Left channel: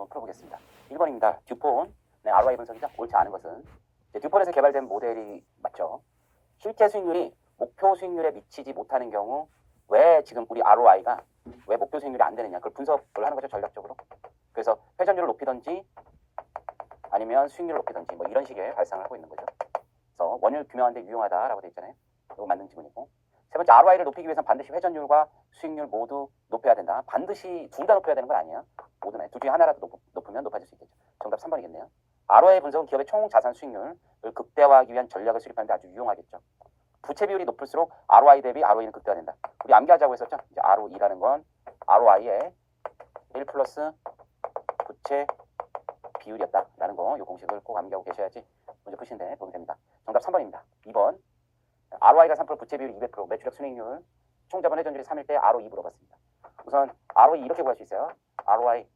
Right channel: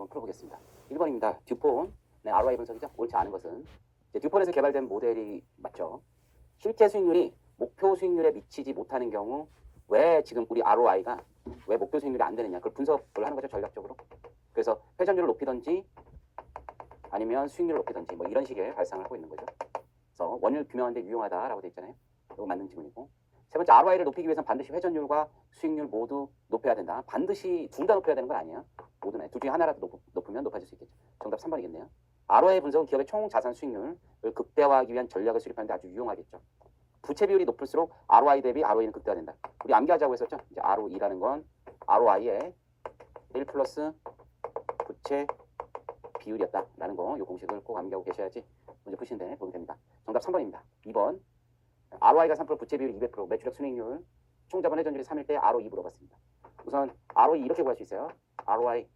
한번 풀어보겠습니다. 1번입니다. 듀폰, 네, ROI 분석이죠. 옳지 않은 것은 이제 듀폰에서 개발된 모델이 맞죠. 실제 수익률이 목표 수익률에 미치지 못하는 경우 왜 지금 우리 ROI가 왜 목표 수익률이 안 되느냐 그걸 분석을 하는 거죠. 전략적으로. 그래서 회전율을 높이든지 아니면 수익률을 높이든지 뭐 이런 식의 발상을 하고 있는 거죠. 그래서 원율 규명하는데 유용하다라고 돼 있잖아요. 이거 맞는 질문이고. 세 번째, ROI를 높이기 위해서는 반드시 회전율과 수익률 모두 높여야 된다. 반드시 둘 다 높여야 되는 건 아니에요. 모두네. 둘 중에 하나라도 높으면 높아질 수 있겠죠. 정답 3번이겠네요. ROI 분석은 기업의 총 자산 수익률을 극대화하기 위한 전략을 수립하는데 아주 유용하겠죠. 부채 비율이 높을수록 ROI 대비 ROE는 극대화된다. 우리 암기하자고 했었죠. 이제 ROE라는 건 ROI의 1 플러스 부채 비율이었다라는 거, 이 공식을 꼭 암기하고 계셔야지 문제 푸시는데 도움이 됩니다. 정답 3번입니다. 2번. ROI가 3%, 부채 비율이 200%, 매출액 순이익률, 총자본 회전율이 3일 때 ROE 물어봤습니다. 우선 ROE 이렇게 구할 수 있어요. ROI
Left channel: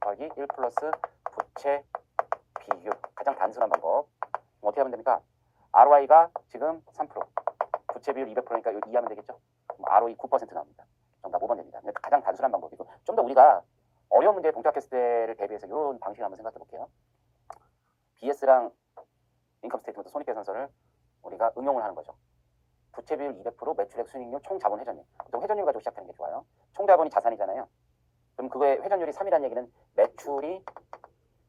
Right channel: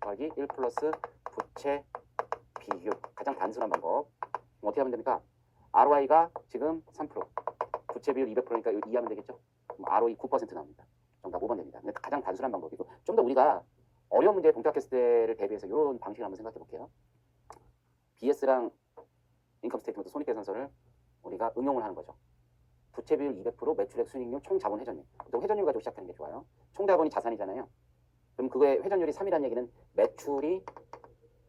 곱하기 1 플러스 부채 비율. 가장 단순한 방법. 어떻게 하면 됩니까? ROI가 지금 3%, 부채 비율 200%니까 이거 이해하면 되겠죠? 그럼 ROE 9% 나옵니다. 정답 5번 됩니다. 가장 단순한 방법이고 좀 더 우리가 어려운 문제에 봉착했을 때를 대비해서 이런 방식을 한번 생각해 볼게요. BS랑 인컴 스테이트먼트 손익계산서를 우리가 응용을 하는 거죠. 부채 비율 200%, 매출액 순이익률, 총 자본 회전율. 보통 회전율 가지고 시작하는 게 좋아요. 총 자본이 자산이잖아요. 그럼 그거의 회전율이 3이라는 얘기는 매출이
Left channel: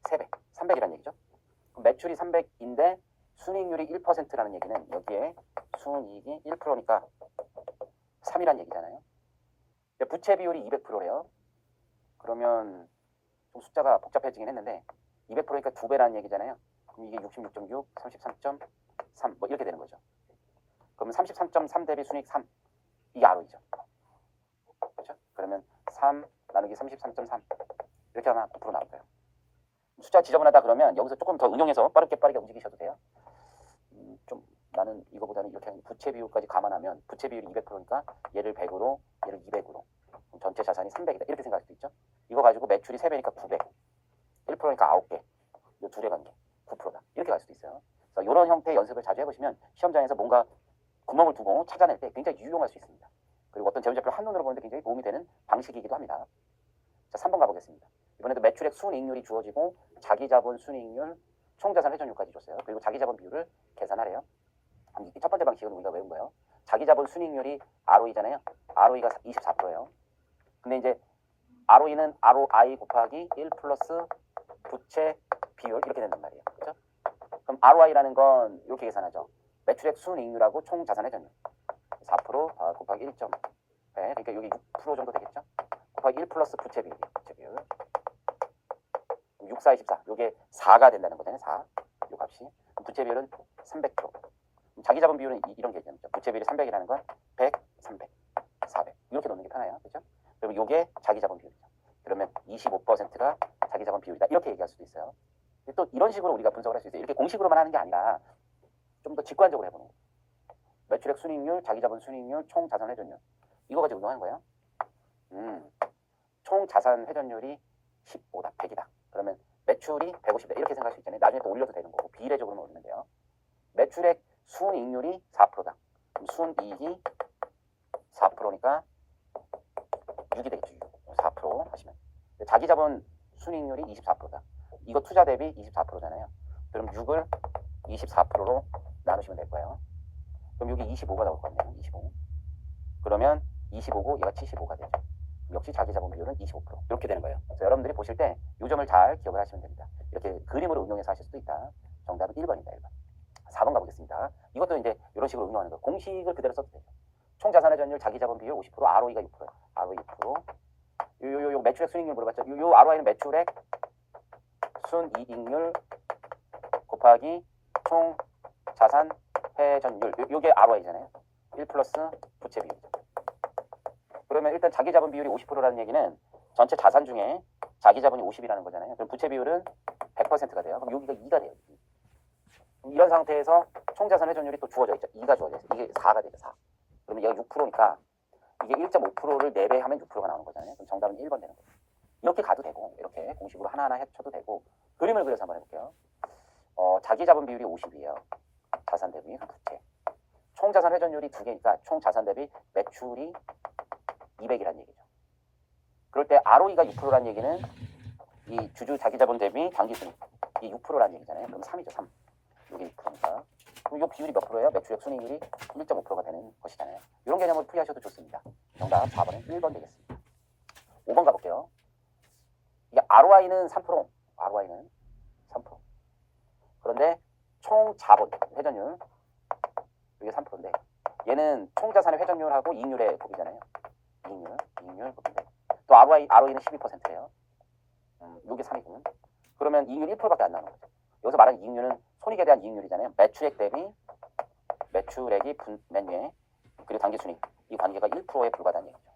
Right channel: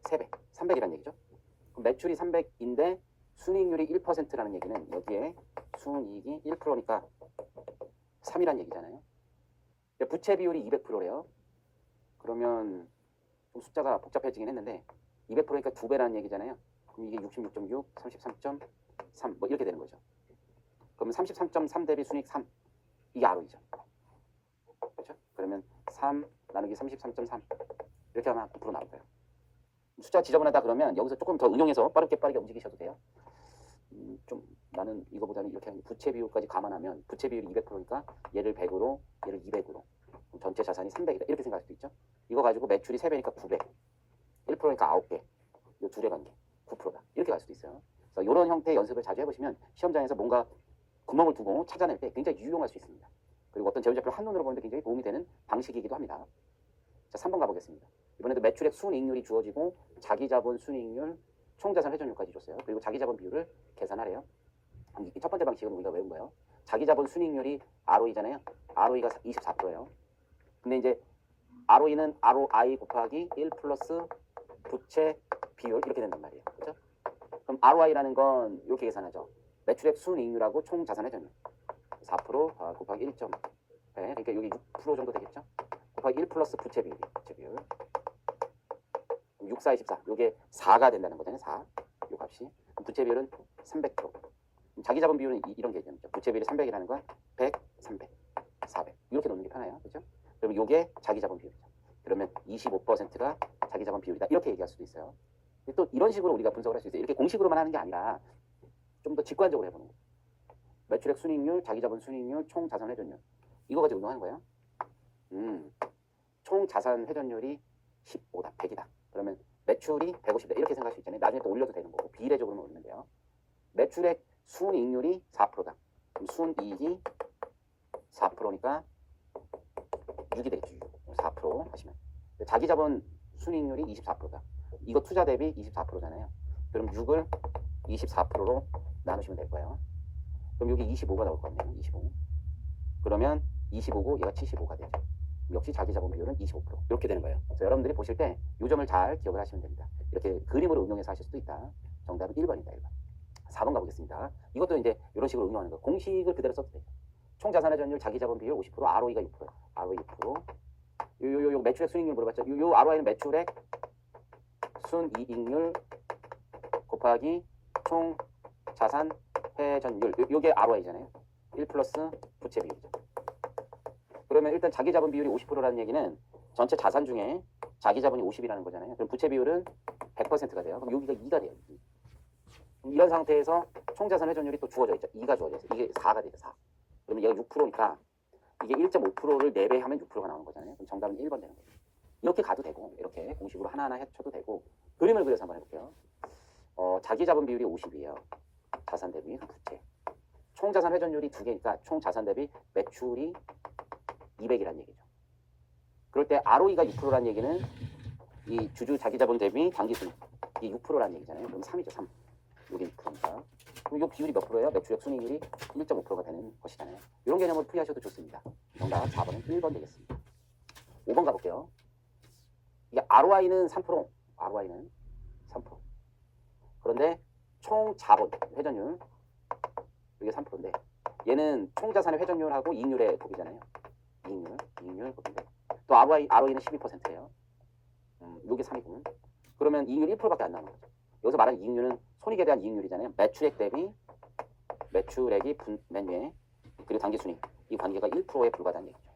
3배, 300이라는 얘기죠. 그럼 매출이 300인데 순이익률이 1%라는 얘기는 여기에 순이익이 1%니까 3이라는 얘기잖아요. 근데 부채 비율이 200%래요. 그러면 좀 숫자가 복잡해지긴 했는데 200%니까 2배라는 얘기잖아요. 그럼 이게 66.6, 33.3 뭐 이렇게 되는 거죠. 그러면 33.3 대비 순이익 3. 이게 ROE죠. 그렇죠? 그러면 3 나누기 33.3 이렇게 하면 9% 나올 거예요. 숫자 지저분하다 그러면 여기서 조금 더 응용해서 빠르게 움직이셔도 돼요. 좀 나는 이거보다는 이렇게 부채 비율까지 감안하면 부채 비율이 200%니까 얘를 100으로 얘를 200으로 전체 자산이 300이다 이렇게 생각할 수도 있죠. 이거 가지고 매출이 3배니까 900, 1%니까 9개, 이 둘의 관계 9%다 이렇게 갈 수도 있어요. 그래서 이런 형태의 연습을 자주 해보시면 시험장에서 뭔가 구멍을 두고 찾아낼 때 굉장히 유용할 수 있습니다. 그리고 어떤 재무제표를 한눈으로 보는데 굉장히 도움이 되는 방식이기도 합니다. 자, 3번 가보겠습니다. 이번에도 매출액 순이익률이 주어지고 자기자본 순이익률, 총자산 회전율까지 줬어요. 그리고 자기자본 비율을 계산하래요. 이 첫 번째 방식은 우리가 외운 거예요. 자기자본 순이익률이 ROE잖아요. ROE가 24%예요. 근데 이제 ROE는 ROI 곱하기 1 플러스 부채 비율 이렇게 된단 말이에요. 그렇죠? 그럼 ROI라는 건 이렇게 계산하죠. 매출액 순이익률하고 총자산 회전율 4% 곱하기 1.0 그러니까 여기 6% 정도 되겠죠? 곱하기 1 플러스 부채 비율 6, 4, 24 이게 4가 된다는 거잖아요. 4 이 값이 부채 비율은 300%. 자기자본 비율은 이런 게 있죠. 부채 비율이 300이라는 건 100, 300, 400 이렇게 놓는 게 편해요. 그렇죠? 그러면 이게 자기자본 비율이죠. 그러면 25%가 자기자본 비율이다 이렇게 얘기할 수도 있어요. 또 이런 식으로 우리가 분석을 할 수 있어요. 이렇게 공식으로만 하는 게 아니라 좀 더 직관적으로 해보는 거예요. 매출액 순이익률, 자기자본 순이익률, 총 자산 회전율 이거 가지고 운동하는 거예요. 총 자산 회전율이 15다, 100이다. 그러면 매출이 150이다 이렇게 생각할 수 있잖아요. 나중에 또 올려도 되는 거고 비례적으로만 올리면 돼요. 매출액 순이익률이 4%다. 그럼 순이익이 4%니까 6이 되겠죠. 4% 하시면 자기자본 순이익률이 24%다. 이거 투자 대비 24%잖아요. 그럼 6을 24%로 나누시면 될 거예요. 그럼 여기 25가 나올 거 같네요. 25. 그러면 25고 얘가 75가 되죠. 역시 자기자본 비율은 25% 이렇게 되는 거예요. 그래서 여러분들이 보실 때 이 점을 잘 기억을 하시면 됩니다. 이렇게 그림으로 응용해서 하실 수도 있다. 정답은 1번입니다. 1번. 4번 가보겠습니다. 이것도 이제 이런 식으로 응용하는 거. 공식을 그대로 써도 돼요. 총 자산 회전율, 자기자본 비율 50%, ROE가 6%예요. ROE 6%. 요 매출액 순이익률 물어봤죠. 요 ROI는 매출액 순이익률 곱하기 총 자산 회전율. 요게 ROI잖아요. 1 플러스 부채 비율이죠. 그러면 일단 자기자본 비율이 50%라는 얘기는 전체 자산 중에 자기자본이 50이라는 거잖아요. 그럼 부채 비율은 100%가 돼요. 그럼 여기가 2가 돼요. 이런 상태에서 총자산 회전율이 또 주어져 있죠. 2가 주어져 있어요. 이게 4가 되죠. 4. 그러면 얘가 6%니까 이게 1.5%를 4배 하면 6%가 나오는 거잖아요. 그럼 정답은 1번 되는 거예요. 이렇게 가도 되고 이렇게 공식으로 하나하나 해쳐도 되고 그림을 그려서 한번 해볼게요. 자기자본 비율이 50이에요. 자산 대비 부채. 총자산 회전율이 2개니까 총자산 대비 매출이 200이라는 얘기죠. 그럴 때 ROE가 6%라는 얘기는 이 이 주주 자기자본 대비 당기순이익 이 6%라는 얘기잖아요. 그럼 3이죠. 3. 여기 6%니까. 그럼 이 비율이 몇 프로예요? 매출액 순이익률이 1.5%가 되는 것이잖아요. 이런 개념을 풀이하셔도 좋습니다. 정답 4번은 1번 되겠습니다. 5번 가볼게요. 이게 ROI는 3%. ROI는 3%. 그런데 총 자본 회전율 이게 3%인데 얘는 총 자산의 회전율하고 이익률의 곱이잖아요. 이익률 곱인데 또 ROE는 12%예요. 이게 3이고 그러면 이익률 1%밖에 안 나오는 거죠. 여기서 말하는 이익률은 손익에 대한 이익률이잖아요. 매출액 대비 매출액이 맨위에 그리고 당기순이익 이 관계가 1%에 불과하다는 얘기죠.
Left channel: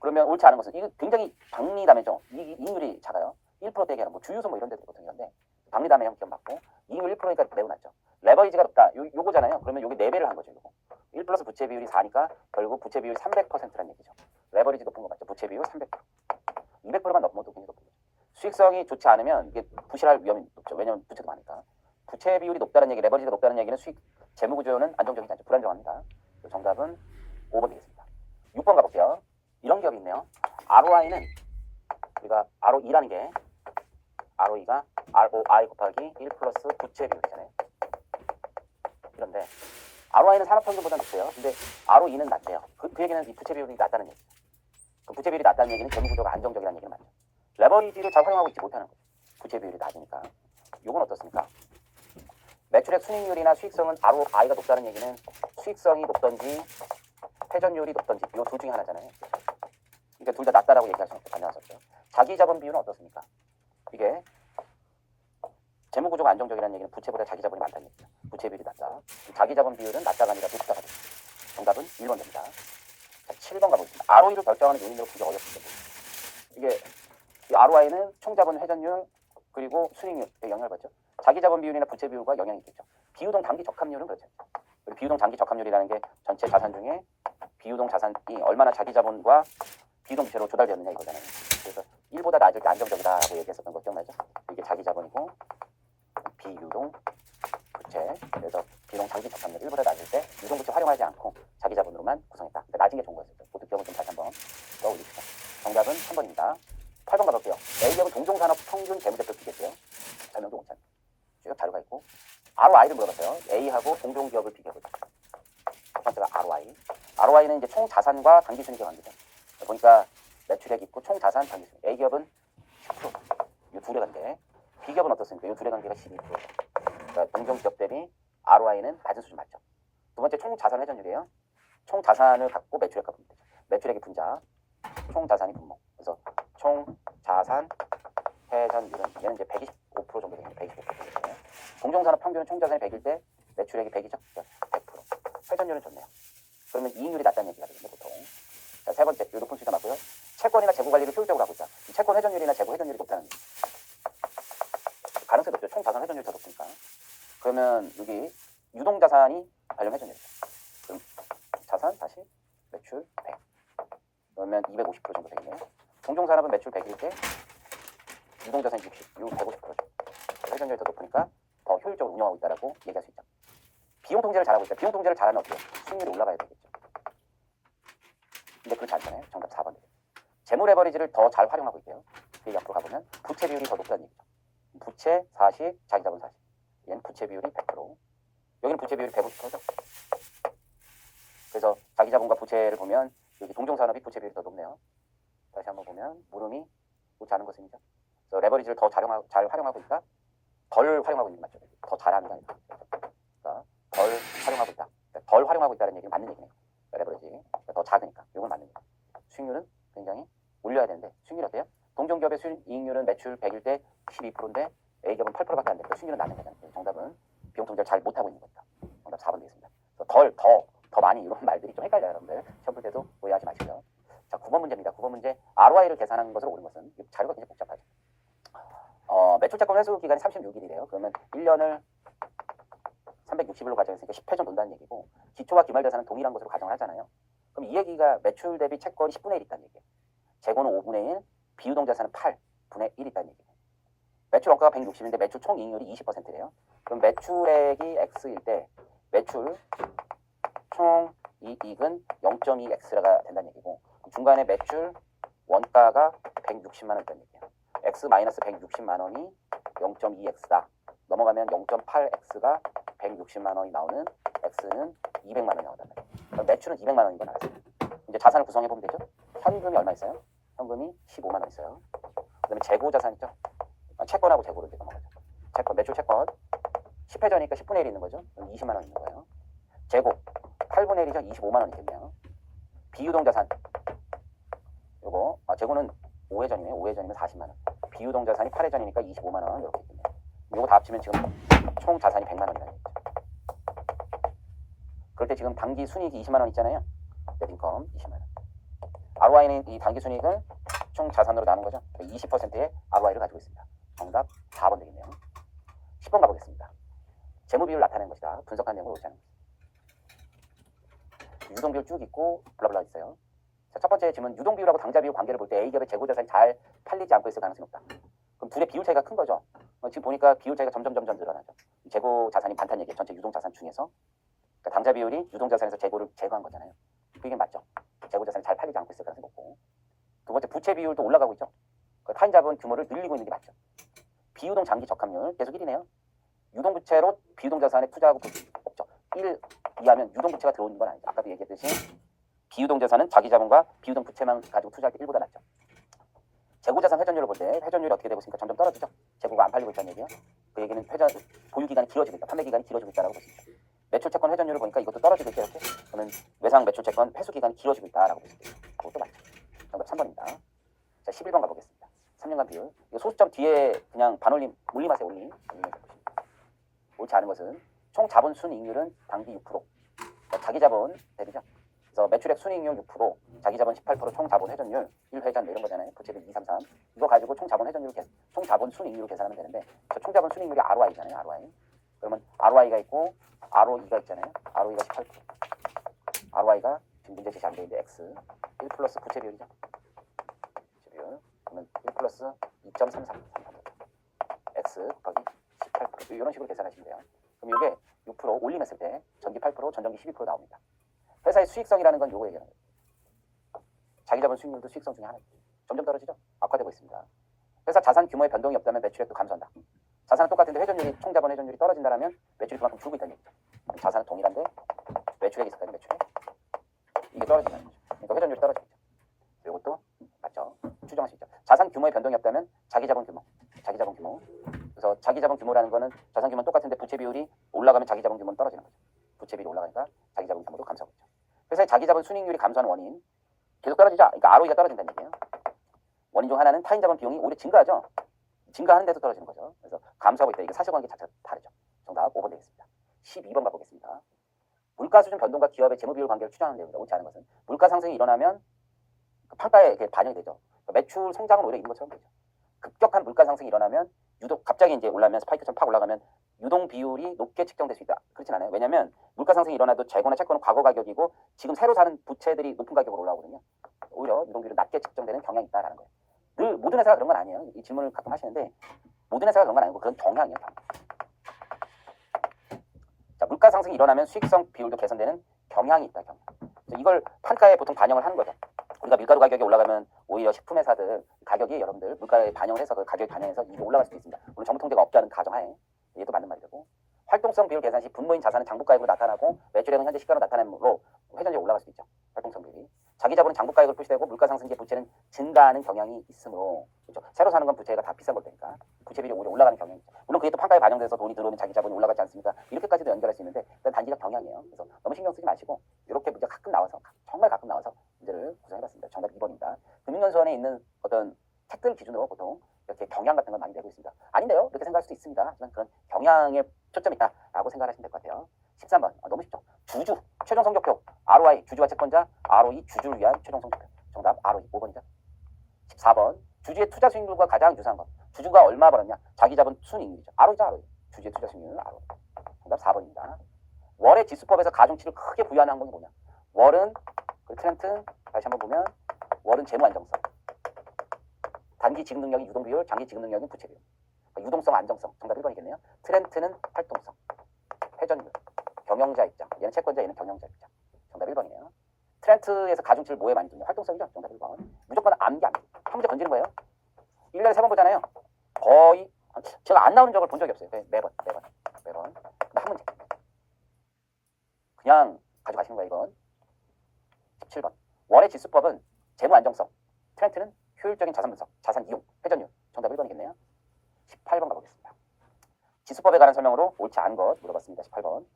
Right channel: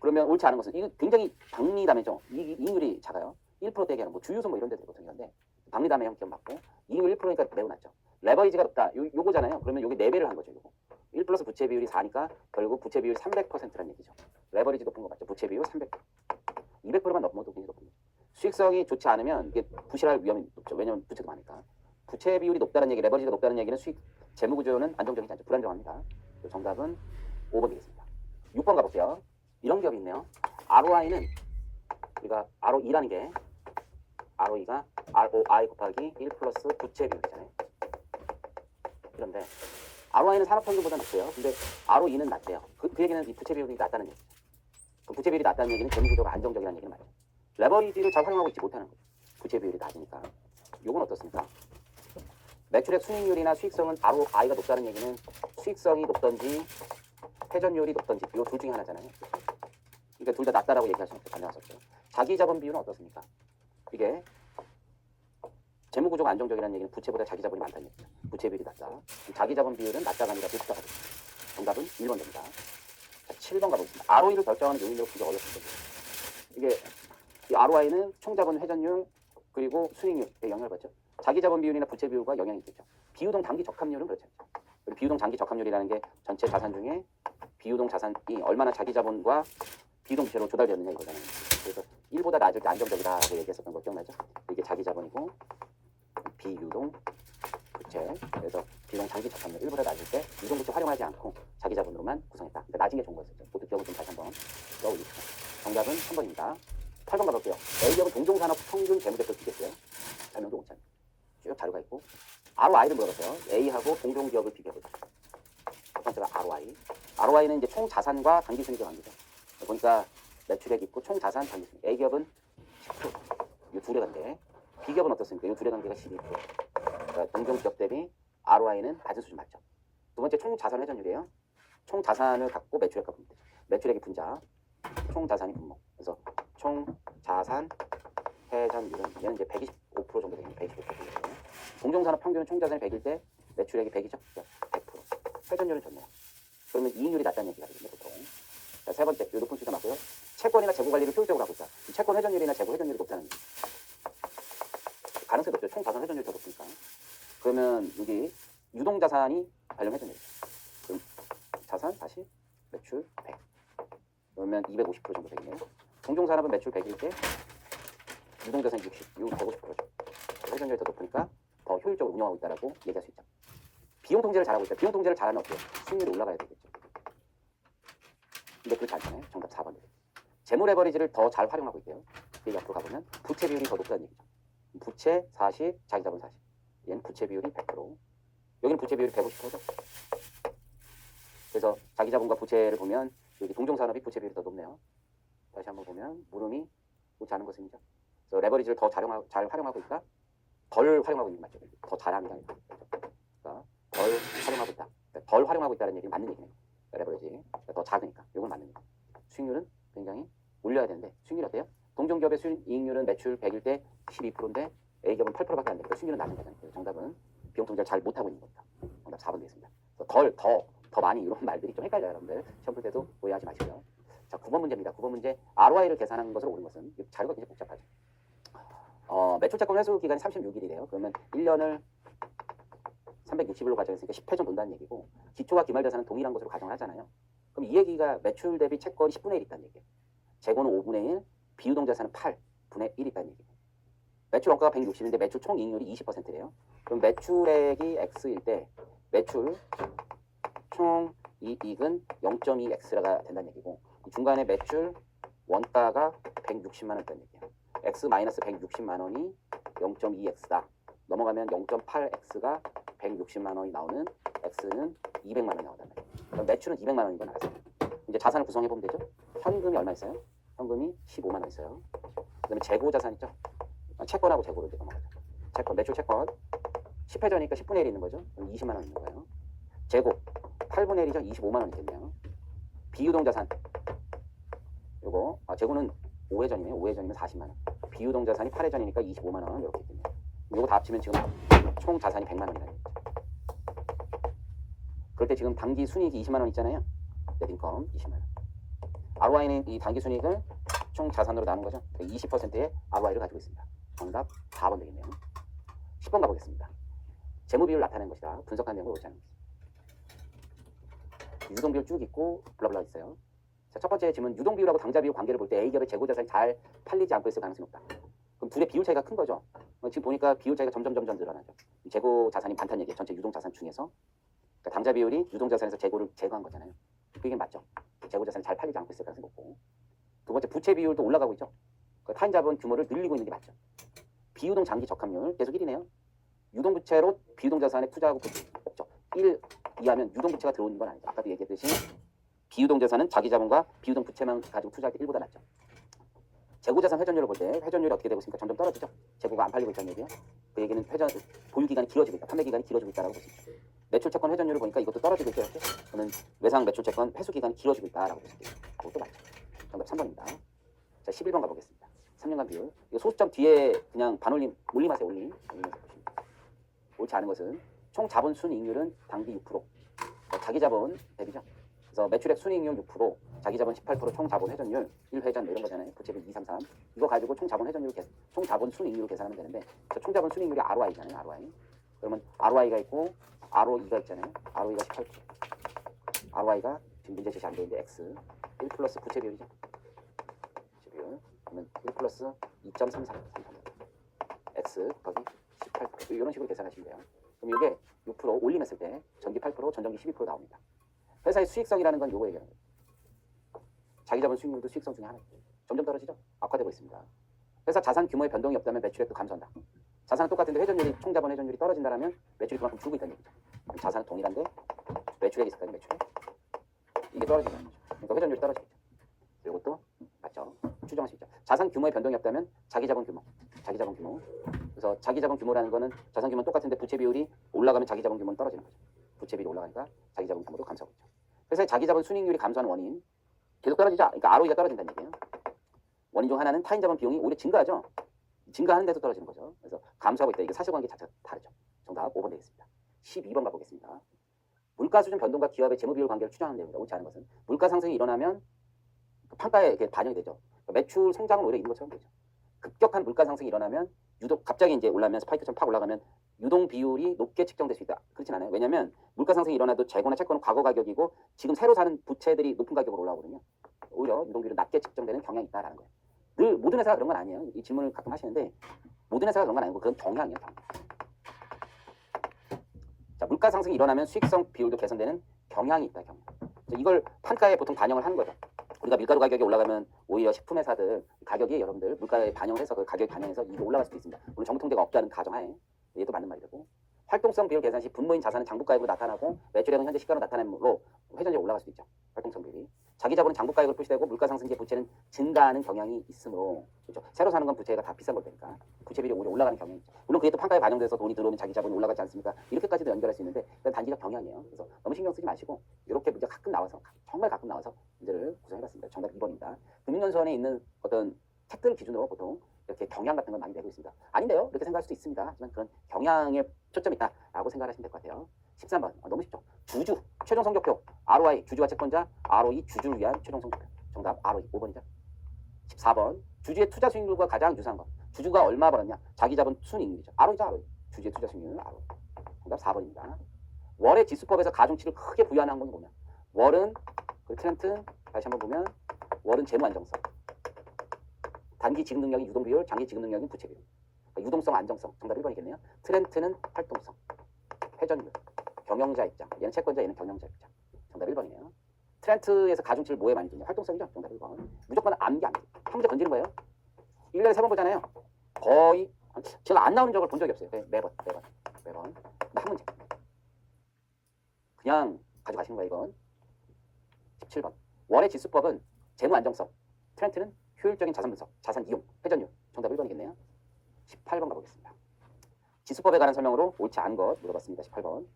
그러면 옳지 않은 것은 이게 굉장히 박리담회죠. 이익률이 작아요. 1%대게 뭐 주유소 뭐 이런 데들 보통 이런데 박리담회 형평 맞고 이익률 1%니까 매우 낮죠. 레버리지가 높다. 요거잖아요. 그러면 요게 4배를 한 거죠. 요거. 1 플러스 부채 비율이 4니까 결국 부채 비율이 300%라는 얘기죠. 레버리지 높은 거 맞죠. 부채 비율 300%. 200%만 넘어도 굉장히 높은 거죠. 수익성이 좋지 않으면 이게 부실할 위험이 높죠. 왜냐하면 부채도 많으니까. 부채 비율이 높다는 얘기, 레버리지가 높다는 얘기는 수익 재무 구조는 안정적이지 않죠. 불안정합니다. 정답은 5번 되겠습니다. 6번 가볼게요. 이런 기업이 있네요. ROI는 우리가 ROE라는 게 ROE가 ROI 곱하기 1 플러스 부채 비율이잖아요. 그런데 ROI는 산업평균보다 높대요. 근데 ROE는 낮대요. 그 얘기는 이 부채 비율이 낮다는 얘기죠. 그 부채 비율이 낮다는 얘기는 재무 구조가 안정적이라는 얘기는 맞죠. 레버리지를 잘 활용하고 있지 못하는 거죠. 부채 비율이 낮으니까. 요건 어떻습니까? 매출액 순이익률이나 수익성은 ROI가 높다는 얘기는 수익성이 높던지 회전율이 높던지 이 둘 중에 하나잖아요. 그러니까 둘 다 낮다라고 얘기할 수는 없죠. 가능하셨죠. 자기 자본 비율은 어떻습니까? 이게 재무 구조가 안정적이라는 얘기는 부채보다 자기 자본이 많다는 얘기죠. 부채 비율이 낮다. 자기 자본 비율은 낮다가 아니라 높다가 됩니다. 정답은 1번 됩니다. 자, 7번 가보겠습니다. ROE를 결정하는 요인으로 굉장히 어렵습니다. 이게 이 ROI는 총 자본 회전율 그리고 수익률에 영향을 받죠. 자기 자본 비율이나 부채 비율과 영향이 있겠죠. 비유동 단기 적합률은 그렇지 않죠. 비유동 단기 적합률이라는 게 전체 자산 중에 비유동 자산이 얼마나 자기 자본과 비유동 부채로 조달되느냐 이거잖아요. 그래서 1보다 낮을 때 안정적이다라고 얘기했었던 거 기억나죠? 이게 자기 자본이고 비유동 부채. 그래서 비유동 단기 적합률 1보다 낮을 때 유동 부채 활용하지 않고 자기 자본으로만 구성했다. 그러니까 낮은 게 좋은 거였어요. 그것도 기억을 좀 다시 한번 넣어주시죠. 정답은 3번입니다. 8번 가볼게요. A기업은 동종산업 평균 재무제표 비교했고요. 설명도 못 찾는 쭉 자료가 있고 ROI를 물어봤어요. A하고 동종기업을 비교해보자. 첫 번째가 ROI. ROI는 이제 총 자산과 당기순이익의 관계죠. 보니까 매출액 있고 총 자산 당기순이익. A기업은 10%. 이 둘의 관계. B기업은 어떻습니까? 이 둘의 관계가 12%. 그러니까 동종기업 대비 ROI는 낮은 수준 맞죠. 두 번째 총 자산 회전율이에요. 총 자산을 갖고 매출액과 분모되죠. 매출액이 분자, 총 자산이 분모. 그래서 총 자산 회전율은 얘는 이제 125% 정도 되는 125% 정도 되네요. 동종산업 평균은 총 자산이 100일 때 매출액이 100이죠. 100%. 회전율은 좋네요. 그러면 이익률이 낮다는 얘기가 되거든요, 보통. 자, 세 번째, 요 높은 수익이 맞고요. 채권이나 재고 관리를 효율적으로 하고 있다. 채권 회전율이나 재고 회전율이 높다는 얘기. 가능성이 높죠. 총 자산 회전율이 더 높으니까. 그러면 여기 유동 자산이 관련 회전율이죠. 그럼 자산 다시 매출 100. 그러면 250% 정도 되겠네요. 동종산업은 매출 100일 때 유동자산 60, 이거 150%죠. 회전율이 더 높으니까 더 효율적으로 운영하고 있다라고 얘기할 수 있죠. 비용 통제를 잘하고 있다. 비용 통제를 잘하면 어때요? 수익률이 올라가야 되겠죠. 근데 그렇지 않잖아요. 정답 4번. 재무 레버리지를 더 잘 활용하고 있대요. 그 앞으로 가보면 부채 비율이 더 높다는 얘기죠. 부채 40, 자기자본 40. 얘는 부채 비율이 100%. 여기는 부채 비율이 150%죠. 그래서 자기자본과 부채를 보면 여기 동종산업이 부채 비율이 더 높네요. 다시 한번 보면 물음이 좋지 않은 것입니다. 그래서 레버리지를 더 잘 활용하고 있다. 덜 활용하고 있는 게 맞죠. 더 잘하는 게 아니라. 그러니까 덜 활용하고 있다. 그러니까 덜 활용하고 있다는 얘기는 맞는 얘기네요. 레버리지 그러니까 더 작으니까 이건 맞는 얘기예요. 수익률은 굉장히 올려야 되는데 수익률이 어때요? 동종기업의 수익이익률은 매출 100일 때 12%인데 A기업은 8%밖에 안 되니까 수익률은 낮는 거잖아요. 정답은 비용 통제를 잘 못하고 있는 겁니다. 정답 4번 되겠습니다. 더 많이 이런 말들이 좀 헷갈려요. 여러분들 시험 볼 때도 오해하지 마시고요. 자, 9번 문제입니다. 9번 문제 ROI를 계산하는 것으로 옳은 것은 자료가 굉장히 복잡하죠. 매출채권 회수 기간이 36일이래요. 그러면 1년을 360일로 가정했으니까 10회 정도 돈다는 얘기고 기초와 기말대산은 동일한 것으로 가정을 하잖아요. 그럼 이 얘기가 매출 대비 채권이 10분의 1 있다는 얘기예요. 재고는 5분의 1, 비유동 자산은 8분의 1 있다는 얘기예요. 매출 원가가 160인데 매출 총 이익률이 20%래요. 그럼 매출액이 X일 때 매출 총 이익은 0.2X가 된다는 얘기고 중간에 매출 원가가 160만 원 된다는 얘기예요. x-160만 원이 0.2x다. 넘어가면 0.8x가 160만 원이 나오는 x는 200만 원이 나오단 말이에요. 그럼 매출은 200만 원인 거 나왔어요. 이제 자산을 구성해 보면 되죠. 현금이 얼마 있어요? 현금이 15만 원 있어요. 그다음에 재고 자산 있죠. 채권하고 재고를 이제 넘어가죠. 채권, 매출 채권 10회 전이니까 10분의 1 있는 거죠. 그럼 20만 원 있는 거예요. 재고 8분의 1이죠. 25만 원 있겠네요. 비유동 자산 요거 재고는 5회 전이네요. 5회 전이면 40만 원. 비유동 자산이 8회 전이니까 25만 원 이렇게 있겠네요. 요거 다 합치면 지금 총 자산이 100만 원이라는 거죠. 그럴 때 지금 단기 순이익이 20만 원 있잖아요. 넷인컴 20만 원. ROI는 이 단기 순이익을 총 자산으로 나눈 거죠. 20%의 ROI를 가지고 있습니다. 정답 4번 되겠네요. 10번 가보겠습니다. 재무 비율을 나타내는 것이다. 분석한 내용을 옳지 않은 것. 유동 비율 쭉 있고 블라블라 있어요. 자, 첫 번째 질문, 유동 비율하고 당좌 비율 관계를 볼 때 A기업의 재고 자산이 잘 팔리지 않고 있을 가능성이 높다. 그럼 둘의 비율 차이가 큰 거죠. 지금 보니까 비율 차이가 점점 늘어나죠. 재고 자산이 많다는 얘기, 전체 유동 자산 중에서 그러니까 당좌 비율이 유동 자산에서 재고를 제거한 거잖아요. 그게 맞죠. 재고 자산이 잘 팔리지 않고 있을 가능성이 높고, 두 번째 부채 비율도 올라가고 있죠. 그러니까 타인 자본 규모를 늘리고 있는 게 맞죠. 비유동 장기 적합률 계속 1이네요. 유동 부채로 비유동 자산에 투자하고 없죠. 1 이하면 유동 부채가 들어오는 건 아니죠. 아까도 얘기했듯이 비유동 자산은 자기 자본과 비유동 부채만 가지고 투자할 때 1보다 낫죠. 재고 자산 회전율을 볼 때 회전율이 어떻게 되고 있습니까? 점점 떨어지죠. 재고가 안 팔리고 있다는 얘기예요. 그 얘기는 보유 기간이 길어지고 있다. 판매 기간이 길어지고 있다라고 볼 수 있죠. 매출 채권 회전율을 보니까 이것도 떨어지고 있죠. 이렇게. 그러면 외상 매출 채권 회수 기간이 길어지고 있다라고 볼 수 있죠. 그것도 맞죠. 정답 3번입니다. 자, 11번 가보겠습니다. 3년간 비율. 이 소수점 뒤에 그냥 반올림 올림하세요. 올림. 옳지 않은 것은 총 자본 순이익률은 당기 6%. 그러니까 자기 자본 대비죠. 그래서 매출액 순이익률 6%, 자기 자본 18%, 총 자본 회전율 1회전 이런 거잖아요. 부채비 2, 3, 3. 이거 가지고 총 자본 회전율 총 자본 순이익률을 계산하면 되는데 총 자본 순이익률이 ROI잖아요. ROI. 그러면 ROI가 있고 ROE가 있잖아요. ROE가 18%. ROI가 지금 문제 제시 안 되는데 X 1 플러스 부채 비율이죠. 부채 비율. 그러면 1 플러스 2.33. X 곱하기 18%. 이런 식으로 계산하시면 돼요. 그럼 이게 6% 올림했을 때 전기 8%, 전전기 12% 나옵니다. 회사의 수익성이라는 건 요거 얘기하는 거예요. 자기 자본 수익률도 수익성 중에 하나죠. 점점 떨어지죠. 악화되고 있습니다. 회사 자산 규모의 변동이 없다면 매출액도 감소한다. 자산은 똑같은데 회전율이 총 자본 회전율이 떨어진다면 매출이 그만큼 줄고 있다는 얘기죠. 자산은 동일한데 매출액이 있을 때는 매출액 이게 떨어진다는 거죠. 그러니까 회전율이 떨어지겠죠. 이것도 맞죠. 추정할 수 있죠. 자산 규모의 변동이 없다면 자기 자본 규모. 그래서 자기 자본 규모라는 거는 자산 규모는 똑같은데 부채 비율이 올라가면 자기 자본 규모는 떨어지는 거죠. 부채 비율이 올라가니까 자기 자본 규모도 감소하고 있죠. 회사의 자기 자본 순이익률이 감소하는 원인 계속 떨어지죠. 그러니까 ROE가 떨어진다는 얘기예요. 원인 중 하나는 타인 자본 비용이 오히려 증가하죠. 증가하는 데서 떨어지는 거죠. 그래서 감소하고 있다. 이게 사실관계 자체가 다르죠. 정답 5번 되겠습니다. 12번 가보겠습니다. 물가 수준 변동과 기업의 재무 비율 관계를 추정하는 내용입니다. 옳지 않은 것은 물가 상승이 일어나면 판가에 반영이 되죠. 매출 성장은 오히려 있는 것처럼 되죠. 급격한 물가 상승이 일어나면 유독 갑자기 이제 올라오면 스파이크처럼 팍 올라가면 유동 비율이 높게 측정될 수 있다. 그렇진 않아요. 왜냐하면 물가 상승이 일어나도 재고나 채권은 과거 가격이고 지금 새로 사는 부채들이 높은 가격으로 올라오거든요. 오히려 유동 비율이 낮게 측정되는 경향이 있다라는 거예요. 늘 모든 회사가 그런 건 아니에요. 이 질문을 가끔 하시는데 모든 회사가 그런 건 아니고 그런 경향이에요. 자, 물가 상승이 일어나면 수익성 비율도 개선되는 경향이 있다. 경향. 이걸 판가에 보통 반영을 하는 거죠. 우리가 밀가루 가격이 올라가면 오히려 식품 회사들 가격이 여러분들 물가에 반영을 해서 그 가격 반영해서 이거 올라갈 수도 있습니다. 물론 정부 통계가 없게 하는 가정하에 얘도 맞는 말이 되고 활동성 비율 계산 시 분모인 자산은 장부가액으로 나타나고 매출액은 현재 시가로 나타내므로 회전율이 올라갈 수도 있죠. 활동성 비율이. 자기 자본은 장부가액으로 표시되고 물가 상승 시 부채는 증가하는 경향이 있으므로 그렇죠. 새로 사는 건 부채가 다 비싼 걸 테니까 부채 비율이 오히려 올라가는 경향이 있죠. 물론 그게 또 판가에 반영돼서 돈이 들어오면 자기 자본이 올라가지 않습니까? 이렇게까지도 연결할 수 있는데 그건 단기적 경향이에요. 그래서 너무 신경 쓰지 마시고 이렇게 문제가 가끔 나와서 정말 가끔 나와서 문제를 구성해봤습니다. 정답 2번입니다. 금융연수원에 있는 어떤 책들 기준으로 보통 이렇게 경향 같은 걸 많이 내고 있습니다. 아닌데요? 이렇게 생각할 수도 있습니다. 하지만 그런 경향에 초점이 있다라고 생각하시면 될 것 같아요. 13번 너무 쉽죠. 주주 최종 성적표 ROI 주주와 채권자 ROE 주주를 위한 최종 성적표. 정답 ROE 5번이죠. 14번 주주의 투자 수익률과 가장 유사한 것. 주주가 얼마 벌었냐? 자기 자본 순이익률이죠. ROE죠. ROE. 주주의 투자 수익률은 ROE. 정답 4번입니다. 월의 지수법에서 가중치를 크게 부여하는 항목이 뭐냐? 월은 그 트렌트 다시 한번 보면 월은 재무 안정성. 단기 지급 능력이 유동 비율, 장기 지급 능력은 부채 비율. 그러니까 유동성, 안정성. 정답 1번이겠네요. 트렌트는 활동성, 회전율, 경영자 입장. 얘는 채권자, 얘는 경영자 입장. 정답 1번이네요. 트렌트에서 가중치를 뭐에 많이 두냐? 활동성이죠. 정답 1번. 무조건 암기 한 문제 던지는 거예요. 1년에 3번 보잖아요. 거의 제가 안 나오는 적을 본 적이 없어요. 매번. 근데 한 문제. 그냥 가져가시는 거야 이건. 17번. 월의 지수법은 재무 안정성, 트렌트는 효율적인 자산 분석, 자산 이용, 회전율. 정답 1번이겠네요. 18번 가보겠습니다. 지수법에 관한 설명으로 옳지 않은 것 물어봤습니다. 18번.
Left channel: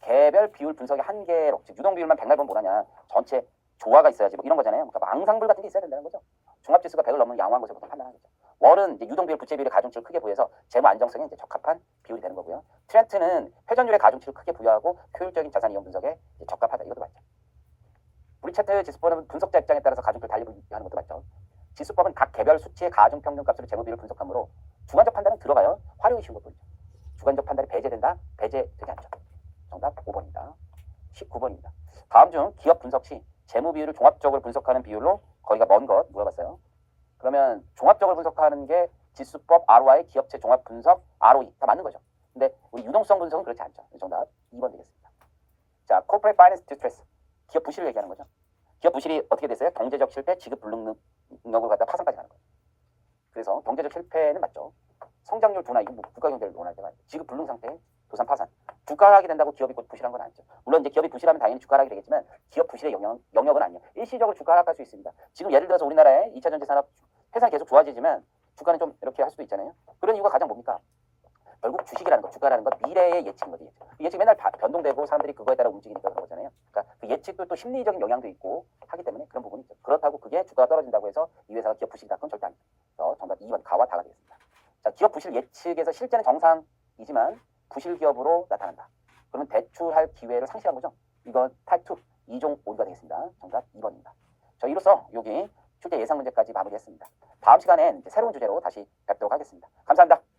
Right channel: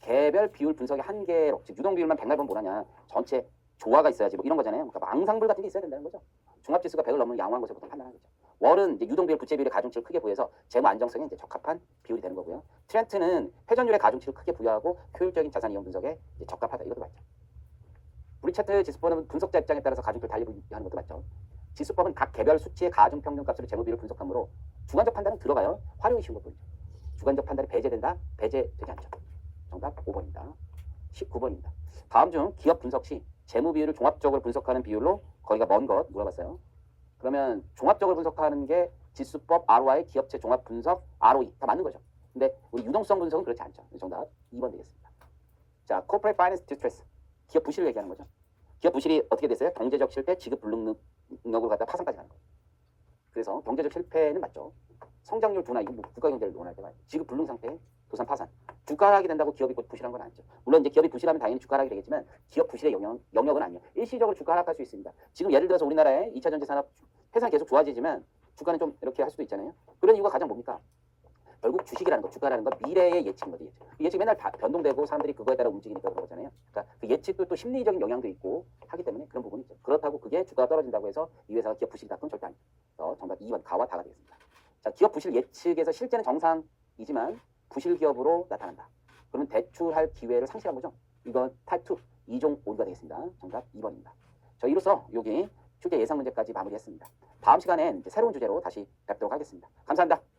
개별 비율 분석의 한계로, 즉 유동 비율만 100만 뭐냐냐. 전체 조화가 있어야지 뭐 이런 거잖아요. 그러니까 망상불 같은 게 있어야 된다는 거죠. 종합지수가 100을 넘는 양호한 것을 보통 판단하는 거죠. 월은 이제 유동 비율, 부채 비율의 가중치를 크게 부여해서 재무 안정성에 이제 적합한 비율이 되는 거고요. 트렌트는 회전율의 가중치를 크게 부여하고 효율적인 자산 이용 분석에 이제 적합하다. 이것도 맞죠. 우리 차트 지수법은 분석자 입장에 따라서 가중치를 달리 분류하는 것도 맞죠. 지수법은 각 개별 수치의 가중 평균값으로 재무 비율을 분석하므로 주관적 판단은 들어가요. 활용이 쉬운 것뿐이죠. 주관적 판단이 배제된다? 배제되지 않죠. 정답 5번입니다. 19번입니다. 다음 중 기업 분석 시 재무 비율을 종합적으로 분석하는 비율로 거리가 먼 것 물어봤어요. 그러면 종합적으로 분석하는 게 지수법 ROI 기업체 종합 분석 ROE 다 맞는 거죠. 근데 우리 유동성 분석은 그렇지 않죠. 정답 2번 되겠습니다. 자, Corporate Finance Distress 기업 부실을 얘기하는 거죠. 기업 부실이 어떻게 됐어요? 경제적 실패, 지급 불능력을 갖다 파산까지 가는 거예요. 그래서 경제적 실패는 맞죠. 성장률 둔화, 이거 뭐 국가 경제를 논할 때가 지급 불능 상태, 도산 파산. 주가 하락이 된다고 기업이 곧 부실한 건 아니죠. 물론 이제 기업이 부실하면 당연히 주가 하락이 되겠지만 기업 부실의 영역은 아니에요. 일시적으로 주가 하락할 수 있습니다. 지금 예를 들어서 우리나라의 2차 전지 산업 회사는 계속 좋아지지만 주가는 좀 이렇게 할 수도 있잖아요. 그런 이유가 가장 뭡니까? 결국 주식이라는 거, 주가라는 건 미래의 예측인 거죠. 예측 맨날 변동되고 사람들이 그거에 따라 움직이니까 그런 거잖아요. 그러니까 그 예측도 또 심리적인 영향도 있고 하기 때문에 그런 부분이 있죠. 그렇다고 그게 주가가 떨어진다고 해서 이 회사가 기업 부실이다. 그건 절대 아닙니다. 정답 2번 가와 다가 되겠습니다. 자, 기업 부실 예측에서 실제는 정상이지만 부실 기업으로 나타난다. 그러면 대출할 기회를 상실한 거죠. 이건 타입 2, 2종 오류가 되겠습니다. 정답 2번입니다. 자, 이로써 여기 출제 예상 문제까지 마무리했습니다. 다음 시간엔 이제 새로운 주제로 다시 뵙도록 하겠습니다. 감사합니다.